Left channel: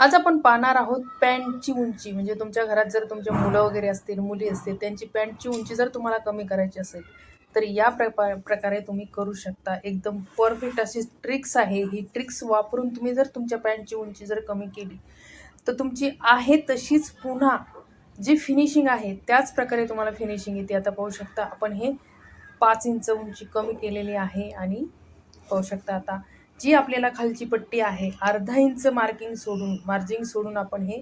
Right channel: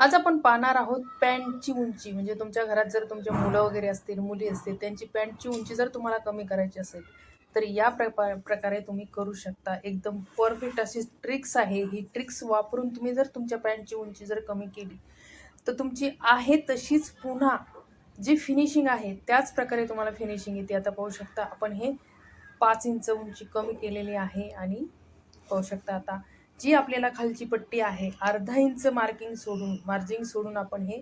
आज आपण पाहणार आहोत पॅन्टची उंची. म्हणजे तुमच्या घरात जर तुमचे मुलं वगैरे असतील मुली असतील त्यांची पॅन्टची उंची जर तुम्हाला कमी करायची असेल तर या प्रपा प्रकारे तुम्ही करू शकता. एकदम परफेक्ट अशी ट्रिक्स आहे. ही ट्रिक्स वापरून तुम्ही जर तुमच्या पॅन्टची उंची जर कमी केली तर तुमची आहे तशीच पुन्हा जी फिनिशिंग आहे त्याच प्रकारे तुम्हाला फिनिशिंग येते. आता पाहू शकता आपण हे पाच इंच उंची कमी केलेली आहे आणि पाहू शकता आता जी आपल्याला खालची पट्टी आहे अर्धा इंच मार्किंग सोडून मार्जिंग सोडून आपण हे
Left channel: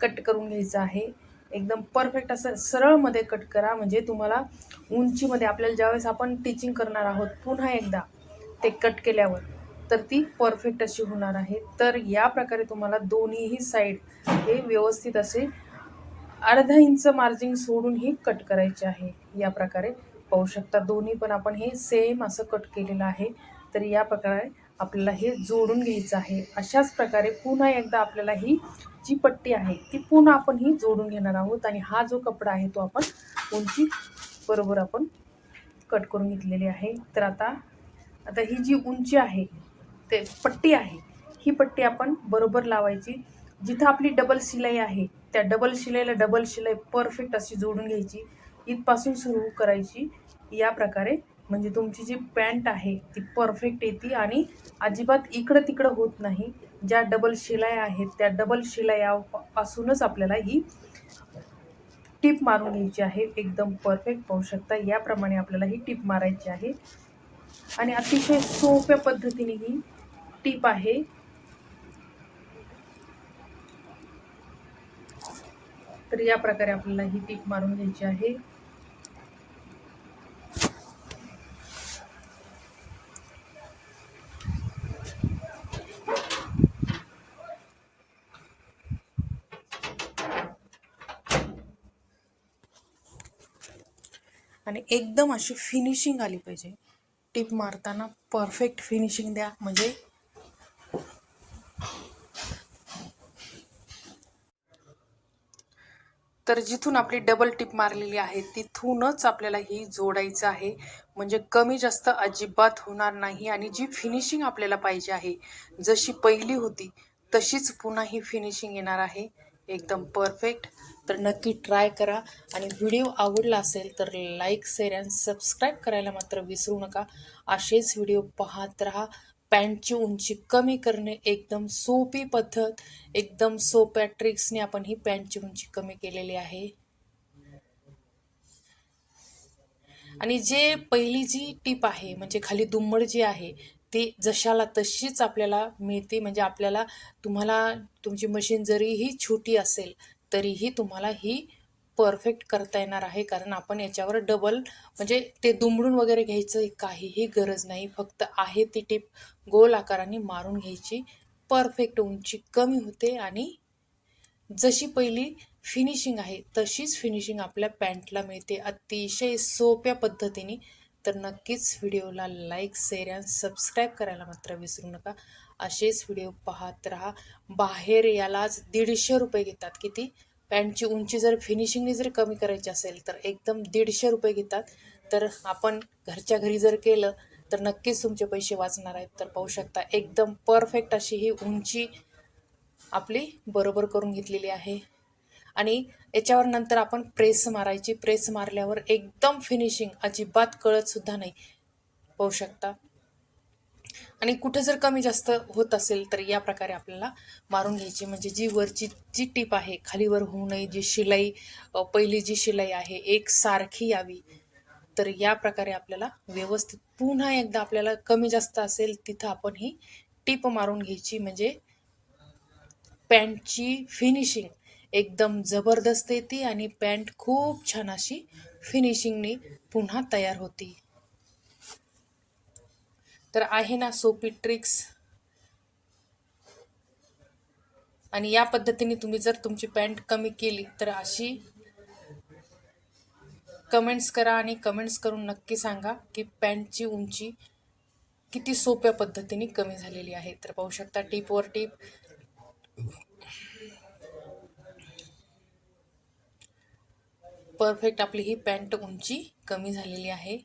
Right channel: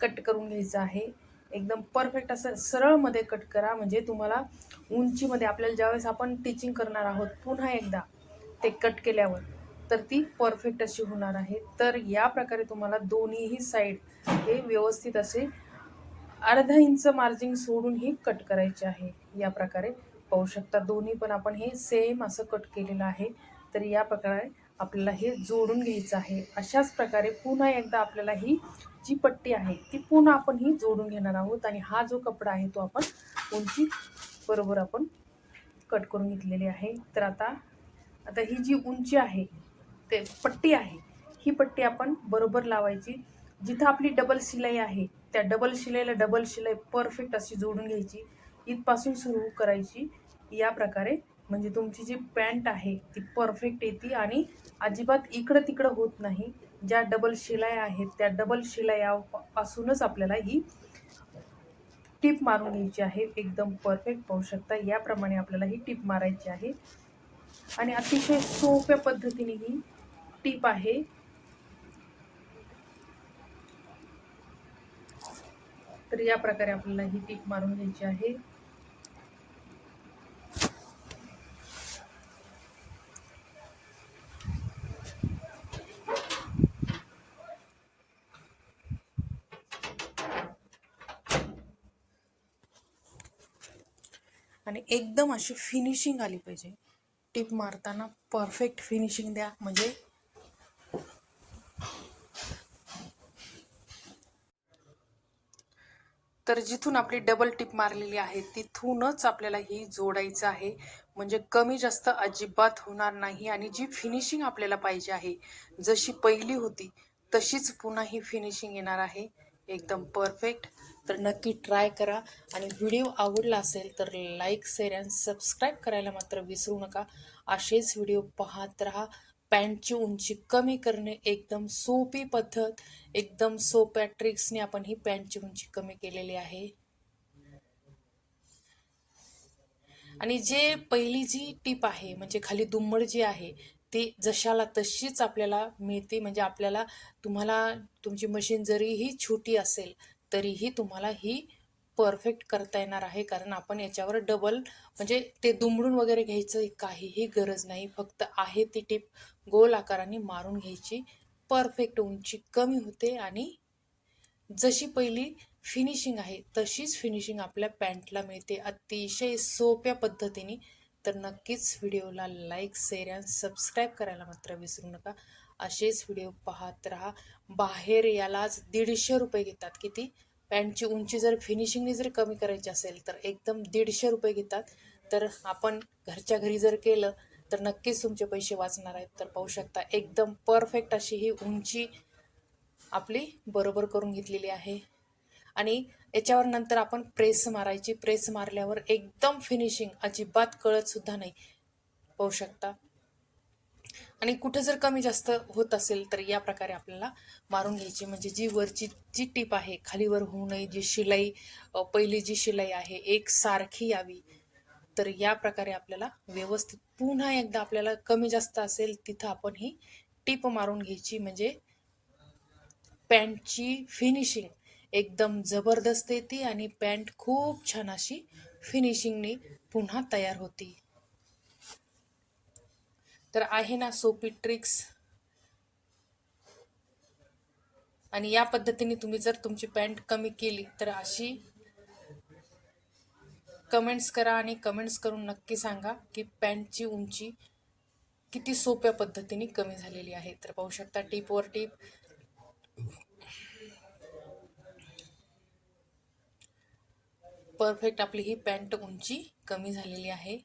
कट करून घ्यायचं आहे. एकदम परफेक्ट असं सरळमध्ये कट करा. म्हणजे तुम्हाला उंचीमध्ये आपल्याला ज्यावेळेस आपण टीचिंग करणार आहोत पुन्हा एकदा ते कट केल्यावर तर ती परफेक्ट अशी होणार आहे. तर या प्रकारे तुम्हाला दोन्हीही साईड हे व्यवस्थित असे अर्धा इंच मार्जिंग सोडून ही कट करायचे आहे. या प्रकारे पाहू शकता दोन्ही पण आपण हे सेम असं कट केलेलं आहे. तर या प्रकारे आपल्याला हे जोडून घ्यायचं आहे. अशाच प्रकारे पुन्हा एकदा आपल्याला ही जी पट्टी आहे ती पुन्हा आपण ही जोडून घेणार आहोत आणि हा जो कपडा आहे तो आपण उंची बरोबर आपण कट करून घेतलेली आहे. तर आता आता ही जी उंची आहे ते पट्टी आहे ही पट्टी आपण बरोबर लावायची. जिथं आपली डबल शिलाई आहे त्या डबल शिलाईला डबल शिलाई परफेक्ट अशी जोडून घ्यायची. इथपासून सुरू करायची. या प्रकारे म्हणजे तुमची जी पॅन्ट आहे ती परफेक्ट येते आणि अजिबात इकडं तिकडं होत नाही. ज्या डबल शिलाई आहेत त्या डबल शिलायापासूनच आपल्याला ही टीप मारून घ्यायची आहे. एकदम परफेक्ट पाहू शकता. याप्रमाणे आपल्याला ही टीप मारायची आहे. आणि अतिशय सोप्या पद्धतीने ही टीप आहे. तर या प्रकारे आपल्याला ही टीप मारून घ्यायची आहे. आणि एकदम अशी फिनिशिंग आली पाहिजे. टिप मारताना परफेक्ट फिनिशिंग द्या. म्हणजे तर जिथून आपली डबल टिप मारलेली आहे तिथूनच आपल्याला ही जोडायचं आहे. म्हणजे कमी जास्त अजिबात होणार नाही आणि जी फिनिशिंग आपल्याला पाहिजे आहे जशी पहिली होती तशीच पुन्हा ही फिनिशिंग येणार आहे. एकदम परफेक्ट. तर नक्की ट्राय करा. आणि व्हिडिओ आवडला असेल तर लाईक शेअर अँड सबस्क्राईब करायला मात्र विसरू नका. असेच व्हिडिओ पाहत राहा. पॅन्टची उंची कमी करणे एकदम सोपी पद्धत. एकदम सोप्या ट्रिक्सने आपण ही पॅन्टची उंची कमी केलेली आहे. आणि जे पहिली जी टीप आहे म्हणजे खाली दुम्मड जी आहे ती जशाला तशीच आपल्याला मिळते. म्हणजे आपल्याला तुम्हाला तुमची मशीन जरीही छोटी असेल तरीही तुम्हाला ही परफेक्ट करता येणार आहे. कारण आपण याच्यावर डबल म्हणजे ते दुमडून वगैरे घ्यायचं काहीही गरज नाही. फक्त आहे ती टीप गोल आकाराने मारून घ्यायची. परफेक्ट उंची कमी होते आणि जशी पहिली फिनिशिंग आहे तशीच फिनिशिंग आपल्या पॅन्टला मिळते. अतिशय सोप्या पद्धतीने. तर नक्कीच व्हिडिओला लाईक शेअर आणि सबस्क्राईब करायला मात्र विसरू नका. असेच व्हिडिओ पाहत राहा. बाहेर यालाच दीडशे रुपये घेतात. किती? पॅन्टची उंची जर फिनिशिंगने जर कमी करायची असेल तर एकदम दीडशे रुपये घेतात. तर आपण घरच्या घरी जर केलं तर नक्कीच तुमचे पैसे वाचणार आहेत. तर पाहू शकता एकदम परफेक्ट अशी ही उंची आपली बरोबर करून घेतलेली आहे. आणि याच्यावर नंतर आपण प्रेस मारायची. प्रेस मारल्यावर एकदम फिनिशिंग अजिबात कळत सुद्धा नाही. पाहू शकता. आणि कुठे जर कमी जास्त होत असेल तर या प्रकारे आपल्याला मारून घ्यायची. म्हणजे जी वरची जी टीप आहे खालीवर होऊ नये जी शिलाई पहिली जी शिलाई आहे एक सारखी यावी. तर या प्रकारे आपल्याला व्यवस्थित पुन्हा एकदा आपल्याला कमी जास्त असेल तिथं आपण ही टीप मारून घ्यायची. म्हणजे पॅन्टची फिनिशिंग एकदम जबरदस्त येते आणि पॅन्ट खूप छान अशी फिनिशिंगने पुन्हा तयार होती. तर आहे ना सोपी ट्रिक्स आणि या पद्धतीने तुम्ही जर तुमची पॅन्ट कमी केली तर अशी कमेंट्स करा आणि कमेंट्स करून नक्की सांगा की पॅन्टची उंची किती सोप्या पद्धतीने कमी झालेली आहे. तर पाहू शकता टीपवर टीप परफेक्ट आपली ही पॅन्ट उंची कमी झालेली आहे.